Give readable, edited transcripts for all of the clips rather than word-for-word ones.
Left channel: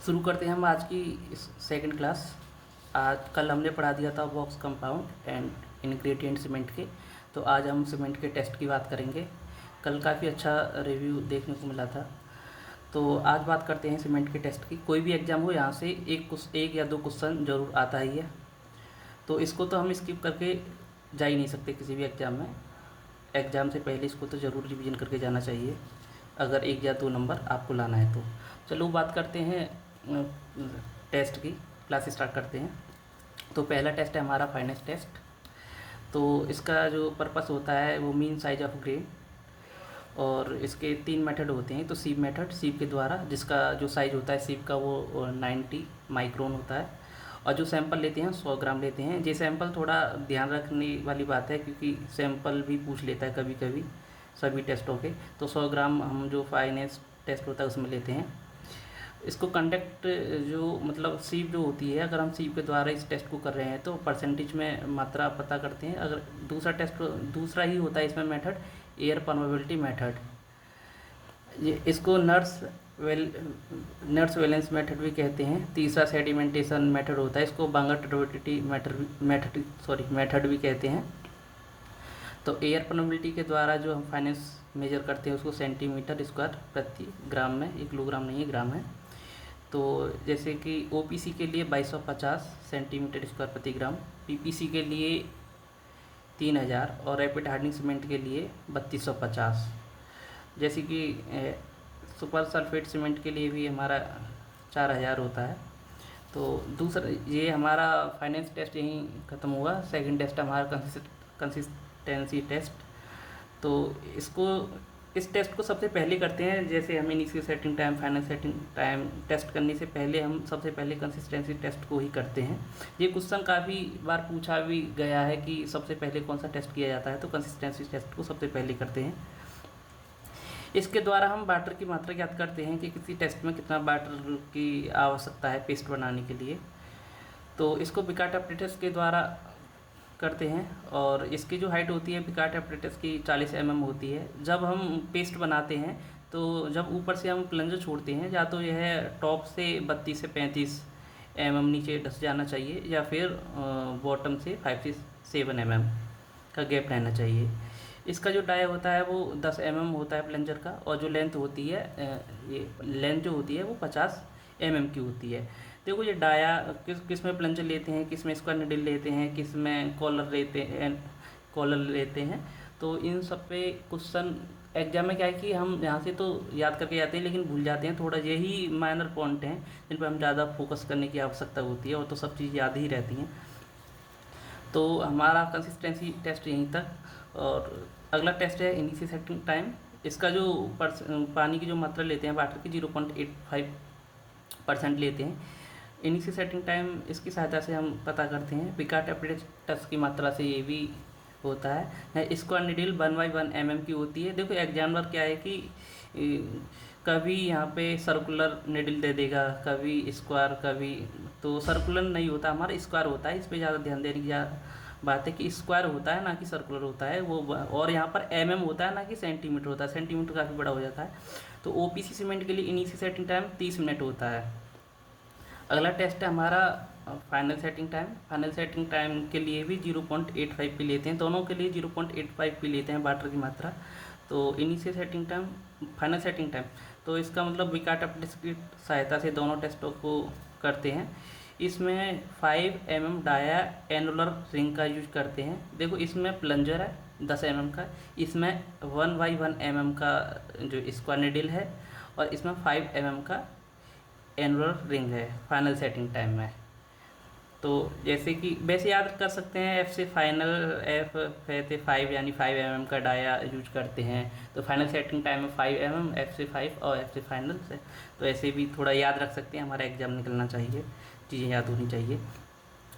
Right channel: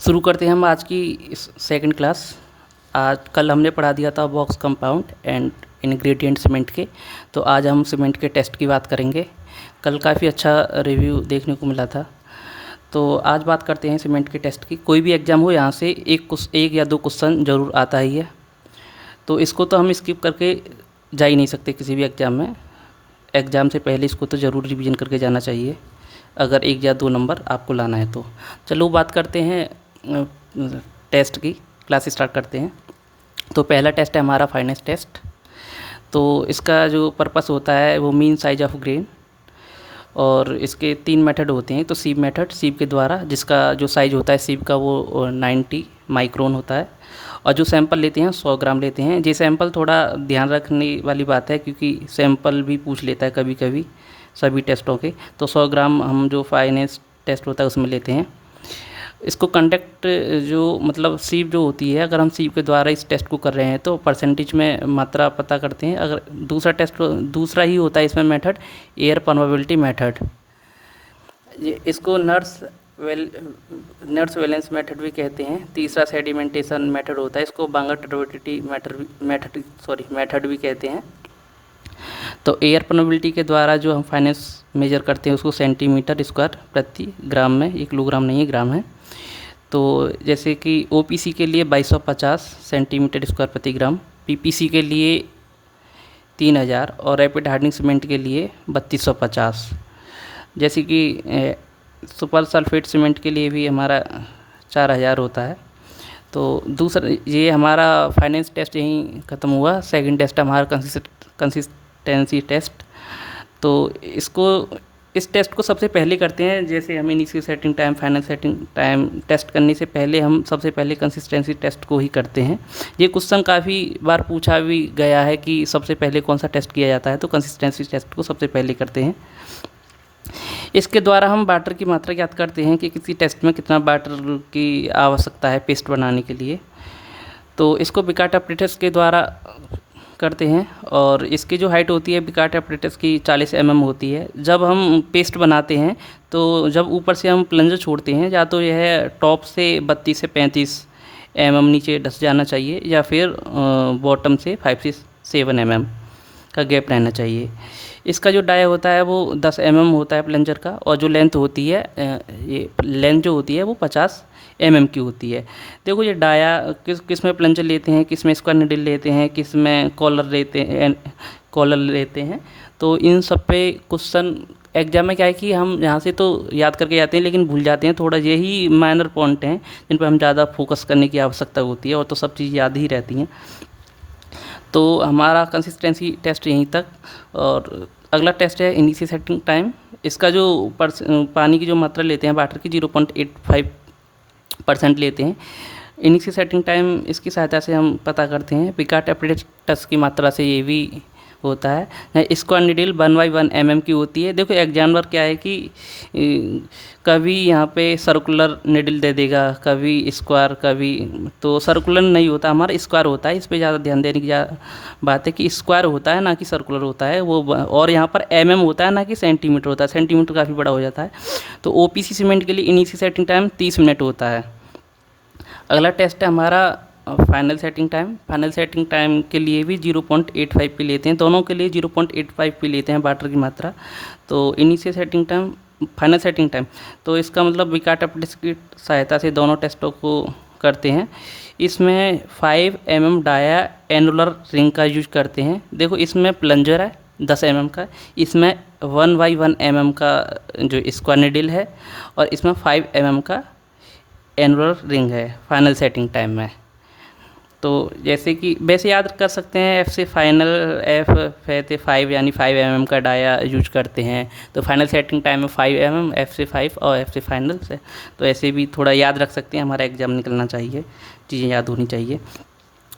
शुरू करते हैं हम आज की सेकंड क्लास। आज कल हमने पढ़ा दिया था box compound and ingredient cement के। तो आज हम सीमेंट के टेस्ट की बात करेंगे। कल काफ़ी अच्छा रिव्यू देखने को मिला था। तो आज बात करते हैं सीमेंट के टेस्ट की। कोई भी एग्ज़ाम हो, यहाँ से एक या दो क्वेश्चन ज़रूर आता ही है, तो इसको तो हम स्किप करके जा ही नहीं सकते किसी भी एग्ज़ाम में। एग्ज़ाम से पहले इसको तो ज़रूर रिवीजन करके जाना चाहिए, अगर एक या दो नंबर आपको लाना है तो। चलो बात करते हैं टेस्ट की, क्लास स्टार्ट करते हैं। तो पहला टेस्ट है हमारा फाइनेंस टेस्ट। तो इसका जो पर्पस होता है वो मीन साइज ऑफ ग्रेन, और इसके 3 मेथड होते हैं। तो सीप मेथड, सीप के द्वारा, जिसका जो साइज़ होता है सीप का वो 90 माइक्रोन होता है, और जो सैंपल लेते हैं 100 ग्राम लेते हैं। ये सैंपल थोड़ा ध्यान रखने वाली बात है, क्योंकि सैंपल भी पूछ लेता है कभी कभी सभी टेस्टों के। तो 100 ग्राम हम जो फाइनेंस टेस्ट होता है उसमें लेते हैं। इसको कंडक्ट जो मतलब सीप जो होती है, अगर हम सीप के द्वारा इस टेस्ट को कर रहे हैं तो परसेंटेज में मात्रा पता करते हैं। अगर दूसरा ही होता है इसमें मेथड, एयर परमेबिलिटी मेथड। ये इसको नर्स वैलेंस मेथड भी कहते हैं। तीसरा सेडिमेंटेशन मेथड होता है, इसको बांगर टर्बिडिटी मेथड भी कहते हैं। तो एयर परमेबिलिटी के द्वारा जो हम फाइनेंस मेजर करते हैं उसको सेंटीमीटर स्क्वायर प्रति ग्राम में, ये किलोग्राम नहीं है, ग्राम है। तो जैसे कि ओपीसी के लिए 2250 सेंटीमीटर स्क्वायर प्रति ग्राम, पीपीसी के लिए 3000, और रैपिड हार्डनिंग सीमेंट के लिए 3250। जैसे कि सुपर सल्फेट सीमेंट के लिए भी हमारा 4000 होता है। तो दूसरा ये हमारा फाइनेंस टेस्ट यहीं ख़त्म हुआ। सेकंड टेस्ट हमारा कंसिस्टेंसी टेस्ट। तो इस टेस्ट को सबसे पहले करते हैं। जैसे हम initial setting time, final setting time test करने से पहले हम सबसे पहले कंसिस्टेंसी टेस्ट को ही करते हैं। ये क्वेश्चन काफ़ी बार पूछा भी गया है कि सबसे पहले कौन सा टेस्ट किया जाता है, तो कंसिस्टेंसी टेस्ट को सबसे पहले करते हैं। इसके द्वारा हम वाटर की मात्रा ज्ञात करते हैं कि किसी टेस्ट में कितना वाटर की आवश्यकता है पेस्ट बनाने के लिए। तो इसको पिकार्ट अपरेटस के द्वारा करते हैं, और इसकी जो हाइट होती है पिकार्ट अपरेटस की 40 mm होती है। जब हम पेस्ट बनाते हैं तो जब ऊपर से हम प्लंजर छोड़ते हैं, या तो यह टॉप से 32 से 35 mm नीचे धंस जाना चाहिए, या फिर बॉटम से 5 से 7 mm का गैप रहना चाहिए। इसका जो डाया होता है वो 10 mm होता है प्लंजर का, और जो लेंथ होती है ये लेंथ जो होती है वो 50 mm की होती है। देखो ये डाया किस में प्लंजर लेते हैं, किस में स्क्वायर निडल लेते हैं, किस में कॉलर लेते हैं। तो इन सब पे क्वेश्चन एग्जाम में क्या है कि हम यहाँ से तो याद करके जाते हैं लेकिन भूल जाते हैं। थोड़ा यही माइनर पॉइंट हैं जिन पर हम ज़्यादा फोकस करने की आवश्यकता होती है, और तो सब चीज़ याद ही रहती हैं। तो हमारा कंसिस्टेंसी टेस्ट यहीं तक। और अगला टेस्ट है इनिशियल सेटिंग टाइम। इसका जो पानी की जो मात्रा लेते हैं वाटर की 0.85% लेते हैं। इनिशियल सेटिंग टाइम इसकी सहायता से हम पता करते हैं। पिकार्ट अपरेटस की मात्रा से ये भी होता है। स्क्वायर निडल 1/1 mm की होती है। देखो एग्जामिनर क्या है कि कभी यहाँ पे सर्कुलर निडल दे देगा, कभी स्क्वायर, कभी तो सर्कुलर नहीं होता, हमारा स्क्वायर होता है। इस पे ज़्यादा ध्यान देने की बात है कि स्क्वायर होता है ना कि सर्कुलर होता है वो, और यहाँ पर mm होता है ना कि सेंटीमीटर होता है। सेंटीमीटर काफ़ी बड़ा हो जाता है। तो ओपीसी सीमेंट के लिए इनिशियल सेटिंग टाइम 30 मिनट होता है। अगला टेस्ट है हमारा final setting time. Final setting time के लिए भी 0.85 पे लेते हैं, दोनों के लिए 0.85 पे लेते हैं वाटर की मात्रा। तो initial setting time, final setting time, तो इसका मतलब पिकार्ट अपरेटस की सहायता से दोनों टेस्टों को करते हैं। इसमें 5 mm डाया एनुलर रिंग का यूज करते हैं। देखो इसमें प्लंजर है 10 mm का, इसमें 1/1 mm का जो स्क्वायर निडल है, और इसमें 5 mm का एनुलर रिंग है फाइनल सेटिंग टाइम में। तो जैसे कि वैसे याद कर सकते हैं, एफ से फाइनल, एफ है 5 यानी 5 mm का डाया यूज करते हैं। तो फाइनल सेटिंग टाइम में 5 mm, एफ से 5 और एफ से फाइनल से। तो ऐसे भी थोड़ा याद रख सकते हैं, हमारा एग्जाम निकलना चाहिए, चीज़ें याद होनी चाहिए।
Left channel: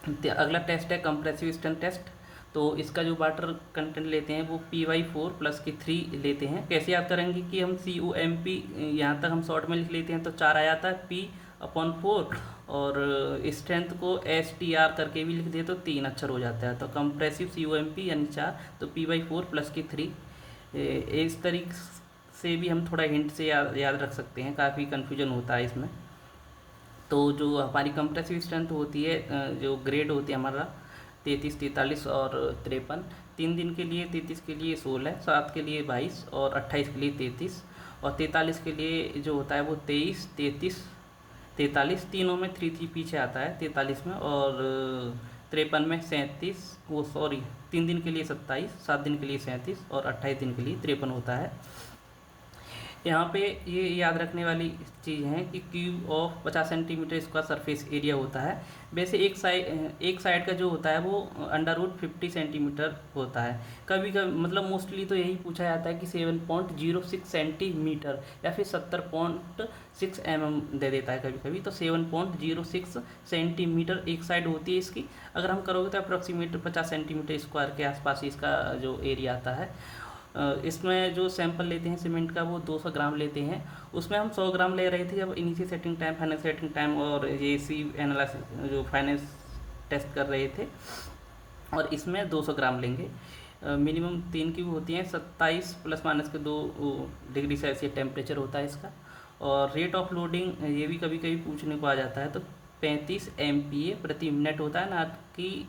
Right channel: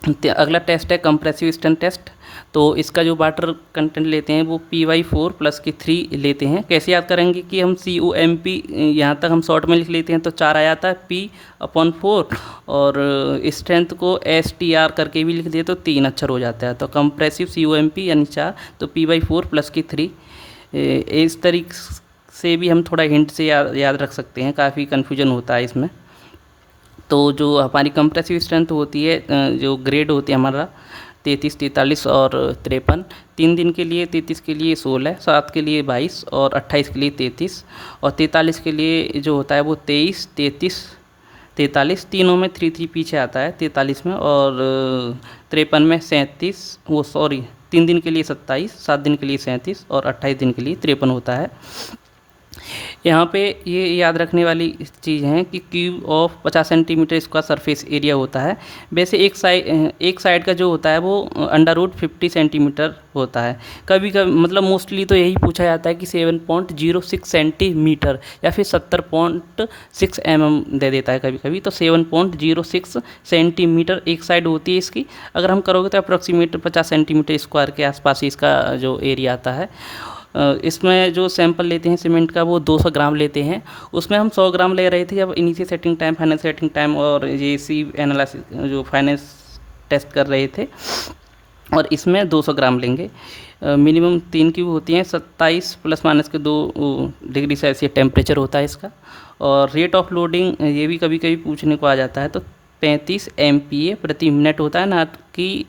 अगला टेस्ट है कंप्रेसिव स्टन टेस्ट। तो इसका जो वाटर कंटेंट लेते हैं वो PY4 प्लस के 3 लेते हैं। कैसे याद करेंगे कि हम COMP यहाँ तक हम शॉर्ट में लिख लेते हैं तो 4 आ जाता है P/4, और स्ट्रेंथ को STR करके भी लिख दिए तो 3 अक्षर हो जाता है। तो कंप्रेसिव COMP यानी 4, तो PY4 प्लस की 3। इस तरीके से भी हम थोड़ा हिंट से याद रख सकते हैं, काफ़ी कन्फ्यूजन होता है इसमें। तो जो हमारी कंप्रेसिव स्ट्रेंथ होती है, जो ग्रेड होती है हमारा 33, 43 और 53, 3 दिन के लिए 33 के लिए 16, 7 के लिए 22 और 28 के लिए 33 और 43 के लिए जो होता है वो 23, 33, 43, तीनों में 3 पीछे आता है 43 में, और 53 में 37, वो सॉरी 3 दिन के लिए 27, 7 दिन के लिए 37 और 28 दिन के लिए 53 होता है। यहाँ पे ये याद रखने वाली चीज़ है कि क्यूब ऑफ 50 सेंटीमीटर इसका सरफेस एरिया होता है। वैसे एक साइड का जो होता है वो अंडर रूट 50 सेंटीमीटर होता है। कभी कभी मतलब मोस्टली तो यही पूछा जाता है कि 7.06 सेंटीमीटर या फिर 70.6 mm दे देता है कभी कभी, तो 7.06 सेंटीमीटर एक साइड होती है इसकी। अगर हम करोगे तो अप्रॉक्सीमेट 50 सेंटीमीटर स्क्वायर के आसपास ही इसका जो एरिया आता है। इसमें जो सैंपल लेते हैं सीमेंट का वो 200 ग्राम लेते हैं। उसमें हम 100 ग्राम ले रहे थे जब initial setting time, final setting time और ये सी एनालिसिस जो फाइनेंस टेस्ट कर रहे थे, और इसमें 200 ग्राम लेंगे। मिनिमम 3 क्यूब होती हैं, 27 ± 2 डिग्री सेल्सियस टेम्परेचर होता है इसका। और रेट ऑफ लोडिंग ये भी कभी कभी पूछने को आ जाता है, तो 35 MPa प्रति मिनट होता है, ना कि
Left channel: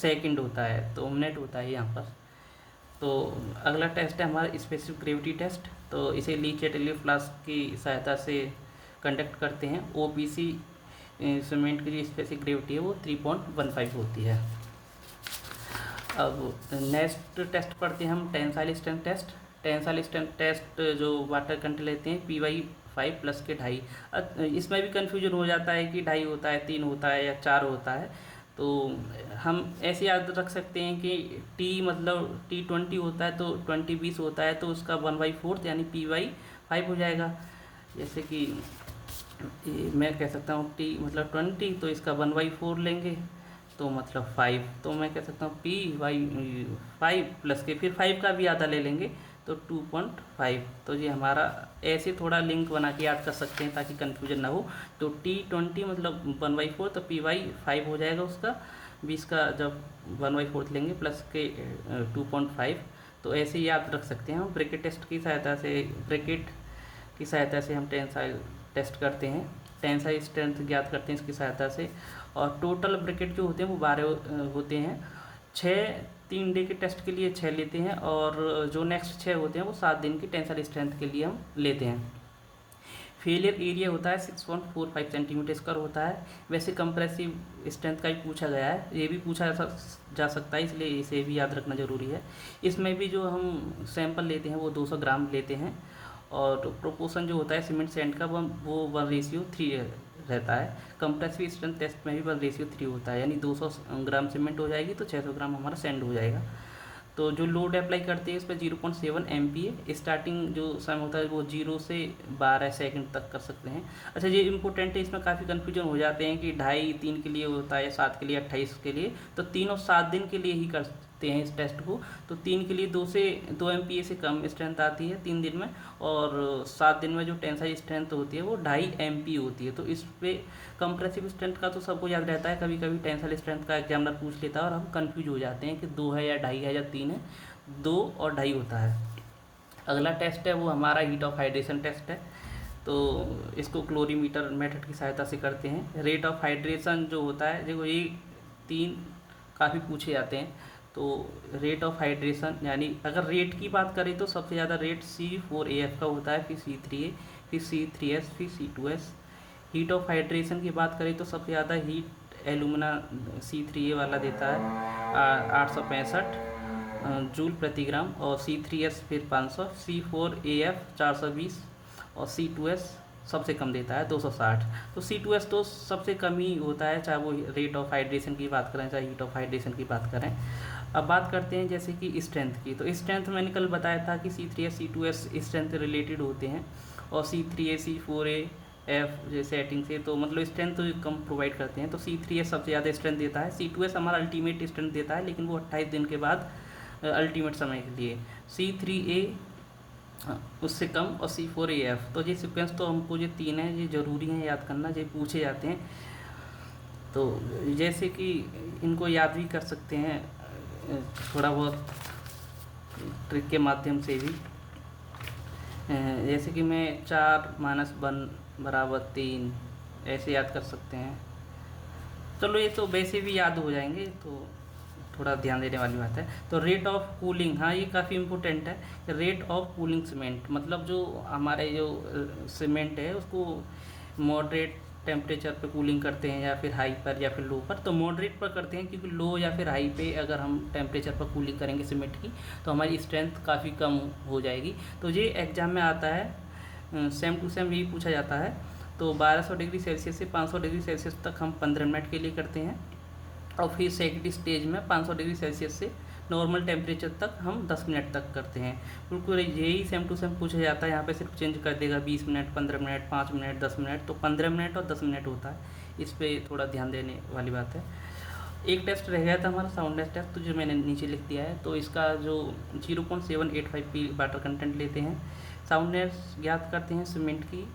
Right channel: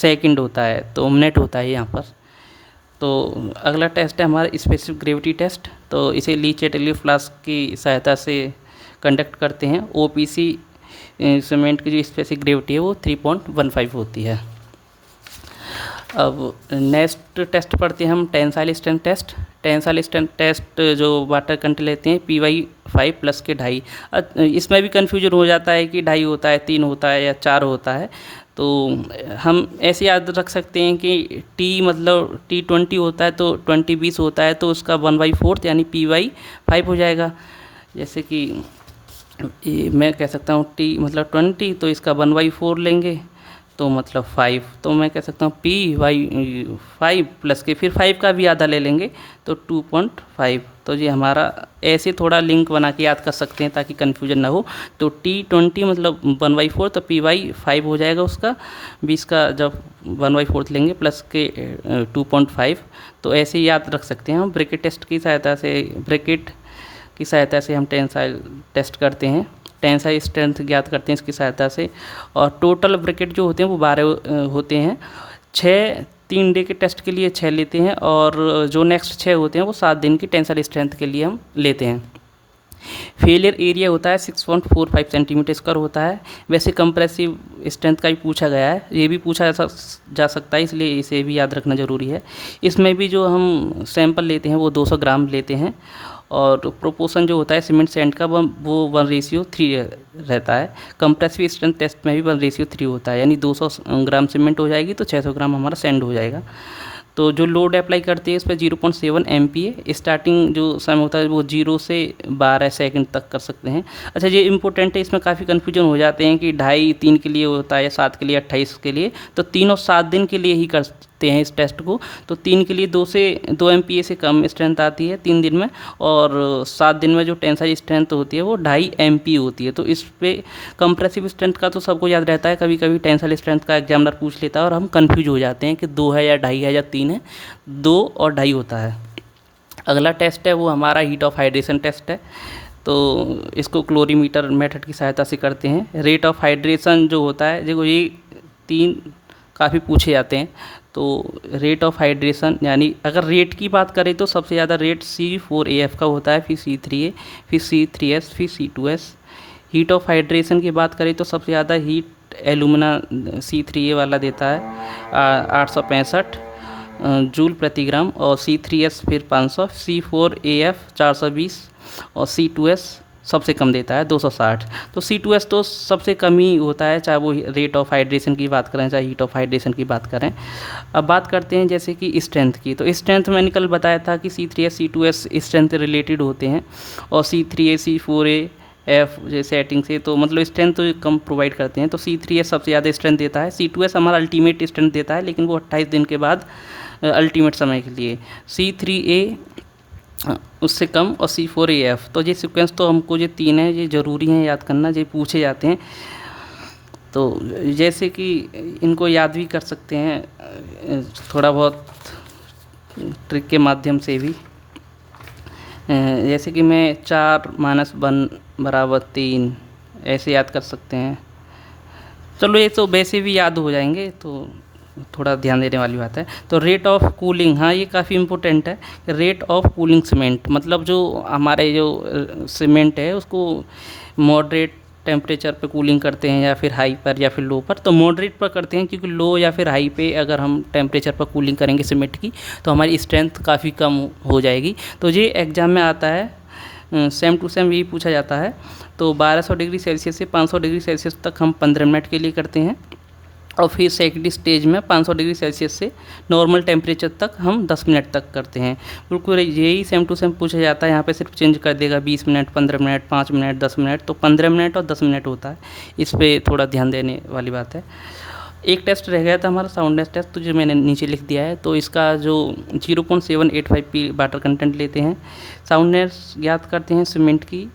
सेकंड होता है, तो मिनट होता है यहाँ पर। तो अगला टेस्ट है हमारा स्पेसिफिक ग्रेविटी टेस्ट। तो इसे ली चैटलियर फ्लास्क की सहायता से कंडक्ट करते हैं। OPC सीमेंट की जो स्पेसिफिक ग्रेविटी है वो 3.15 होती है। अब नेक्स्ट टेस्ट पढ़ते हैं हम tensile strength test. Tensile strength test जो वाटर कंटेंट लेते हैं PY5 प्लस के 2.5। इसमें भी कन्फ्यूजन हो जाता है कि 2.5 होता है, 3 होता है या 4 होता है। तो हम ऐसे याद रख सकते हैं कि T मतलब T20 होता है तो 20 होता है, तो उसका 1/4 यानी PY5 हो जाएगा। जैसे कि मैं कह सकता हूँ T मतलब 20, तो इसका 1/4 लेंगे तो मतलब 5, तो मैं कह सकता हूँ PY5 प्लस के फिर 5 का भी आधा ले लेंगे तो 2.5। तो ये हमारा ऐसे थोड़ा लिंक बना के याद कर सकते हैं ताकि कन्फ्यूजन ना हो। तो T20 मतलब 1/4, तो PY5 हो जाएगा उसका, 20 का जब 1/4 लेंगे प्लस के 2.5। तो ऐसे याद रख सकते हैं हम। ब्रैकेट की सहायता से हम टेंसाइल टेस्ट करते हैं, टेंसाइल स्ट्रेंथ ज्ञात करते हैं इसकी सहायता से। और टोटल ब्रैकेट जो होते हैं वो 12 होते हैं। 6 3 डे के टेस्ट के लिए 6 लेते हैं, और जो नेक्स्ट 6 होते हैं वो 7 दिन की टेंसाइल स्ट्रेंथ के लिए हम लेते हैं। फेलियर एरिया होता है 6.45 सेंटीमीटर स्क्वायर होता है। वैसे कंप्रेसिव स्ट्रेंथ का भी पूछा गया है, ये भी पूछा जा सकता है, इसलिए इसे भी याद रखना ज़रूरी है। इसमें भी जो हम सैंपल लेते हैं वो 200 ग्राम लेते हैं, और प्रोपोर्शन जो होता है सीमेंट सैंड का वो 1:3 रहता है। कंप्रेसिव स्ट्रेंथ टेस्ट में भी 1:3 होता है, यानी 200 ग्राम सीमेंट हो जाएगी तो 600 ग्राम हमारा सैंड हो जाएगा। तो जो लोड अप्लाई करते हैं इस पर 0.7 MPa। स्टार्टिंग जो समय होता है वो 0 से 12 सेकंड तक कर सकते हैं। अच्छा, ये इंपॉर्टेंट है, इसमें काफ़ी कन्फ्यूजन हो जाते हैं कि 2.5 3 के लिए होता है, 7 के लिए, 28 के लिए। तो 3 और 7 दिन के लिए ही करते हैं इस टेस्ट को। तो 3 के लिए 2 MPa से कम स्ट्रेंथ आती है 3 दिन में, और 7 दिन में जो टेंसाइल स्ट्रेंथ होती है वो 2.5 MPa होती है। तो इस पर कंप्रेसिव स्ट्रेंथ का तो सबको याद रहता है, कभी कभी टेंसाइल स्ट्रेंथ का एग्जामिनर पूछ लेता है और हम कन्फ्यूज हो जाते हैं कि 2 है या 2.5 है या 3 है। 2 और 2.5 होता है। अगला टेस्ट है वो हमारा हीट ऑफ हाइड्रेशन टेस्ट है। तो इसको क्लोरीमीटर मेथड की सहायता से करते हैं। रेट ऑफ हाइड्रेशन जो होता है, देखो ये 3 काफ़ी पूछे जाते हैं। तो रेट ऑफ हाइड्रेशन यानी अगर रेट की बात करें तो सबसे ज़्यादा रेट C4AF का होता है, फिर C3A, फिर C3S, फिर C2S। हीट ऑफ हाइड्रेशन की बात करें तो सबसे ज़्यादा हीट एलुमिना C3A वाला देता है 865 जूल प्रति ग्राम, और C3S फिर 500, C4AF 420 और C2S सबसे कम देता है 260। तो C2S तो सबसे कम ही होता है, चाहे वो रेट ऑफ हाइड्रेशन की बात करें चाहे हीट ऑफ हाइड्रेशन की बात करें। अब बात करते हैं जैसे कि स्ट्रेंथ की। तो स्ट्रेंथ मैंने कल बताया था कि C3S C2S स्ट्रेंथ रिलेटेड होते हैं, और C3A C4AF जैसे सेटिंग से तो मतलब स्ट्रेंथ तो कम प्रोवाइड करते हैं। तो C3S सबसे ज़्यादा स्ट्रेंथ देता है। C2S हमारा अल्टीमेट स्ट्रेंथ देता है, लेकिन वो 28 दिन के बाद अल्टीमेट समय के लिए। C3A उससे कम, और C4AF। तो ये सीक्वेंस तो हमको ये 3 है, ये ज़रूरी हैं याद करना, ये पूछे जाते हैं। तो जैसे कि इनको याद भी कर सकते हैं थोड़ा बहुत ट्रिक के माध्यम से भी। जैसे कि मैं 4 - 1 = 3 ऐसे याद कर सकते हैं। चलो ये तो वैसे भी याद हो जाएंगे, तो थोड़ा ध्यान देने वाली बात है। तो रेट ऑफ कूलिंग, हाँ ये काफ़ी इम्पोर्टेंट है। रेट ऑफ कूलिंग सीमेंट, मतलब जो हमारे जो सीमेंट है उसको मॉडरेट टेम्परेचर पे कूलिंग करते हैं या फिर हाई पर या फिर लो पर। तो मॉडरेट पर करते हैं क्योंकि लो या फिर हाई पे अगर हम टेम्परेचर पर कूलिंग करेंगे सीमेंट की तो हमारी स्ट्रेंथ काफ़ी कम हो जाएगी। तो ये एग्ज़ाम में आता है, सेम टू सेम यही पूछा जाता है। तो 1200 डिग्री सेल्सियस से 500 डिग्री सेल्सियस तक हम 15 मिनट के लिए करते हैं, और फिर सेकेंड स्टेज में 500 डिग्री सेल्सियस से नॉर्मल टेम्परेचर तक हम 10 मिनट तक करते हैं। बिल्कुल यही सेम टू सेम पूछा जाता है। यहाँ पे सिर्फ चेंज कर देगा 20 मिनट, 15 मिनट, 5 मिनट, 10 मिनट। तो 15 मिनट और 10 मिनट होता है, इस पर थोड़ा ध्यान देने वाली बात है। एक टेस्ट रह गया था हमारा साउंडनेस टेस्ट, तो जो मैंने नीचे लिख दिया है। तो इसका जो 0.785 पी वाटर कंटेंट लेते हैं, साउंडनेस ज्ञात करते हैं सीमेंट की,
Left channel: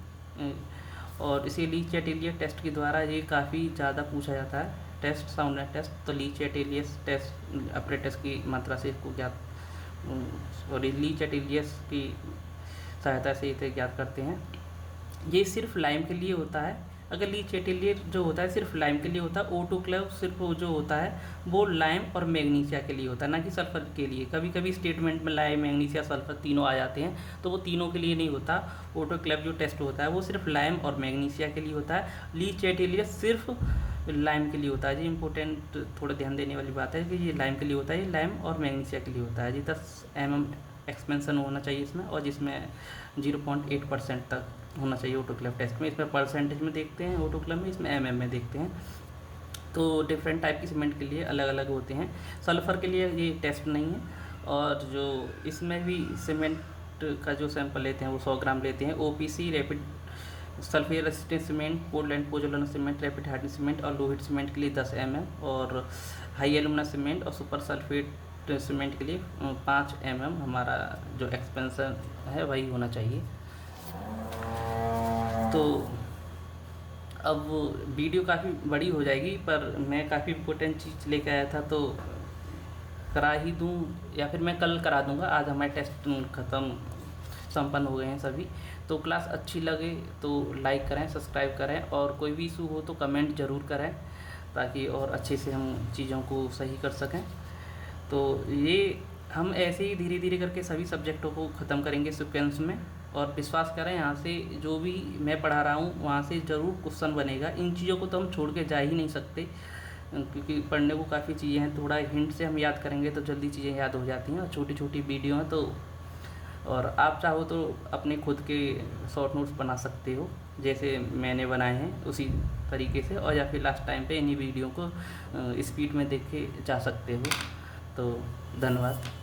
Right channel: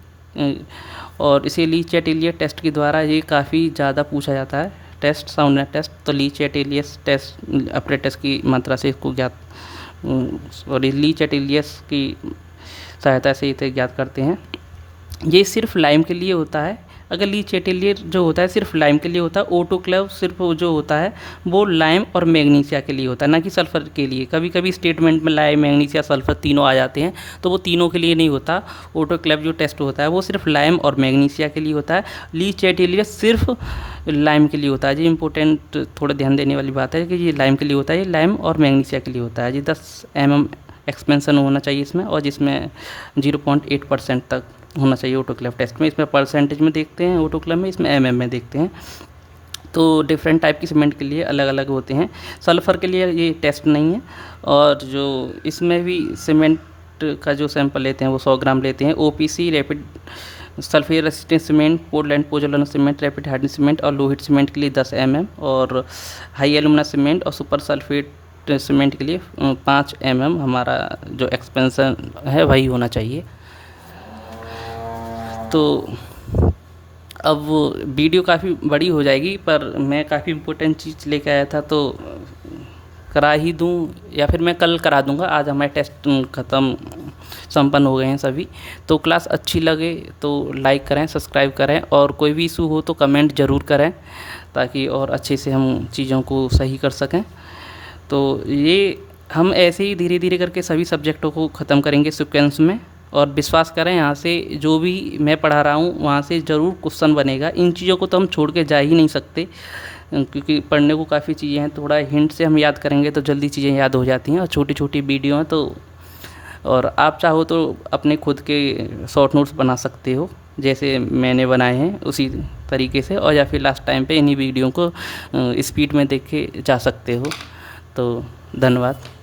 और इसे ली चैटेलियर टेस्ट के द्वारा ये काफ़ी ज़्यादा पूछा जाता है टेस्ट, साउंडनेस टेस्ट। तो ली चैटेलियस टेस्ट अपरेटस की मात्रा से इसको ज्ञात, सॉरी ली चैटेलियस की सहायता से इसे ज्ञात करते हैं। ये सिर्फ लाइम के लिए होता है। अगर ली चैटेलियर जो होता है सिर्फ लाइम के लिए होता है, ऑटोक्लेव सिर्फ जो होता है वो लाइम और मैग्नीशिया के लिए होता है, ना कि सल्फर के लिए। कभी कभी स्टेटमेंट में लाइम, मैग्नीशिया, सल्फर तीनों आ जाते हैं, तो वो तीनों के लिए नहीं होता। ऑटोक्लेव जो टेस्ट होता है वो सिर्फ लाइम और मैग्नीशिया के लिए होता है। ली चैटेलियर सिर्फ लाइम के लिए होता है। जी इंपॉर्टेंट थोड़ा ध्यान देने वाली बात है कि ये लाइम के लिए होता है, ये लाइम और मैग्नीशिया के लिए होता है। जी 10 mm एक्सपेंसन होना चाहिए इसमें, और जिसमें 0.8% तक होना चाहिए ऑटोक्लेव टेस्ट में। इसमें परसेंटेज में देखते हैं ऑटोक्लेव में, इसमें mm में देखते हैं। तो डिफरेंट टाइप की सीमेंट के लिए अलग अलग होते हैं। सल्फ़र के लिए ये टेस्ट नहीं है, और जो इसमें भी सीमेंट का जो सैंपल लेते हैं वो 100 ग्राम लेते हैं। OPC rapid sulphate resistant cement, Portland pozzolana cement, rapid hardening cement और लोहित सीमेंट के लिए 10 mm, और हाई एलुमिना सीमेंट और सुपर सल्फेट सीमेंट के लिए 5 mm हमारा जो एक्सपेंसन है वही होना चाहिए। तो अब वीडियो काफ़ी बड़ी हो जाएगी, पर मैं काफ़ी इम्पोर्टेंट चीज़ लेके आया था तो करा ही दूँ, या फिर मैं कल करा दूँगा। आज हमारे टेस्ट ख़त्म, संपन्न हो गए हैं सभी। तो क्लास अच्छी लगे तो लाइक करें, सब्सक्राइब करें, और कोई भी इशू हो तो कमेंट ज़रूर करें, ताकि और अच्छे से हम चीज़ों को सही कर सकें। तो ये हम ऐसे ही धीरे धीरे करके सभी सब्जेक्टों को ख़त्म करेंगे सीक्वेंस में। और विश्वास करें, यहाँ से जो भी मैं पढ़ा रहा हूँ वहाँ से ज़रूर क्वेश्चन बनेगा। इन चीज़ों को तो हम छोड़ के जा ही नहीं सकते, क्योंकि पढ़ने को काफ़ी चीज़ें हैं। थोड़ा हिंट से हम याद करेंगे तो जल्दी चीज़ें याद हो जाती हैं, और छोटी छोटी वीडियो हैं। तो और आप चाहो तो अपने खुद के शॉर्ट नोट्स बना सकते हो, जैसे मैंने बनाए हैं उसी तरीके से, और या फिर लास्ट टाइम पे इन्हीं वीडियो को स्पीड में देख के जा सकते हो। तो धन्यवाद।